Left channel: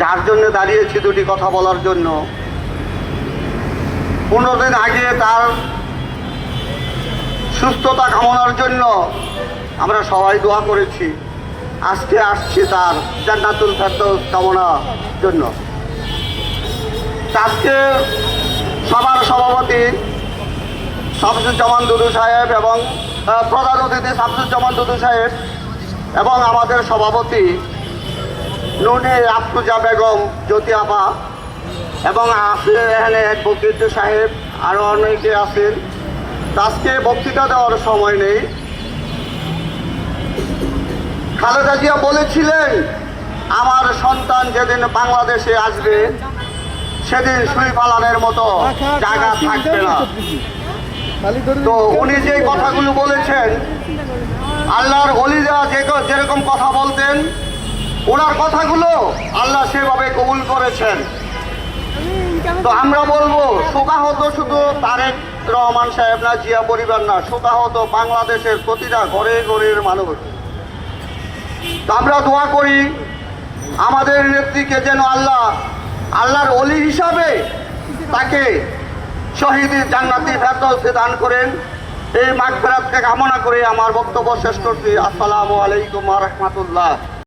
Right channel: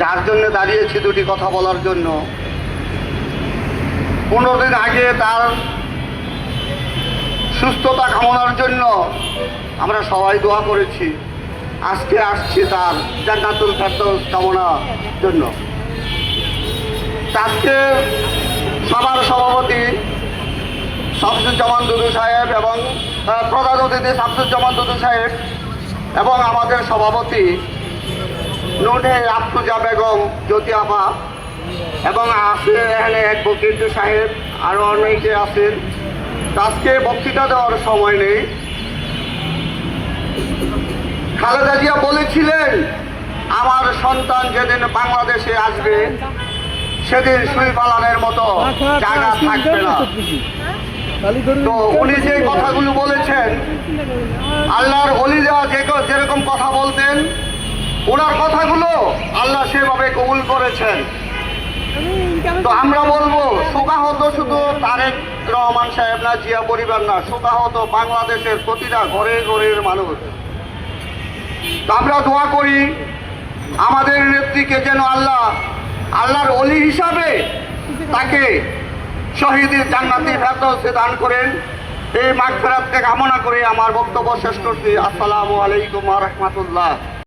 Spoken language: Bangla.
যার জন্য দাঁড়িয়েছি দুটি কথা বলার জন্য। পনেরো দিন আগে তার সুস্থতা কামনার জন্য আমরা সবাই দোয়া করেছি। আজকে আসছি তার জান্নাতুল ফেরদৌস কামনার জন্য। আজকে সবার সভাপতি শামসুজ্জামান দুদু সাহেব এবং প্রধান অতিথি শামসুজ্জামান দুদু সাহেব এবং আমাদের সভাপতি নুনে আফরুজা বেগম, জ্যোতি আপা এবং আছে এখানে অ্যাডভোকেট সাহেব আরও অনেকে আছেন। আজকে বক্তৃতা দেওয়ার সময় নেই। খালেদা জিয়া বলেছিলেন, আমার সন্তান যেদিন বাংলাদেশে আসবে, সেদিন সুই পালানের মতো জায়গা থাকবে না। তো উনি যে কথাগুলো বলেছেন, আল্লাহর অলিরা যে যেরকম কথা বলতেন ওনার কথাগুলো আল্লাহ সেভাবে কবুল করেছেন। তো আমরা বলব শোকাহত শুধু তারেক রহমান সাহেব না, জিয়া পরিবার না শোকাহত বাংলাদেশের প্রতিটা ঘরে ঘরের মানুষ। তো আমরা দোয়া করি, আমাদের নেত্রীকে যেন আল্লাহ, আল্লাহর অলি হিসাবে তাকে শহীদ জান্নাতি ফেরদৌসে দান করেন। এই মাগফেরাতকে কামনা করে আমার বক্তব্য শেষ করছি। আসসালামু আলাইকুম রহমতুল্লাহ।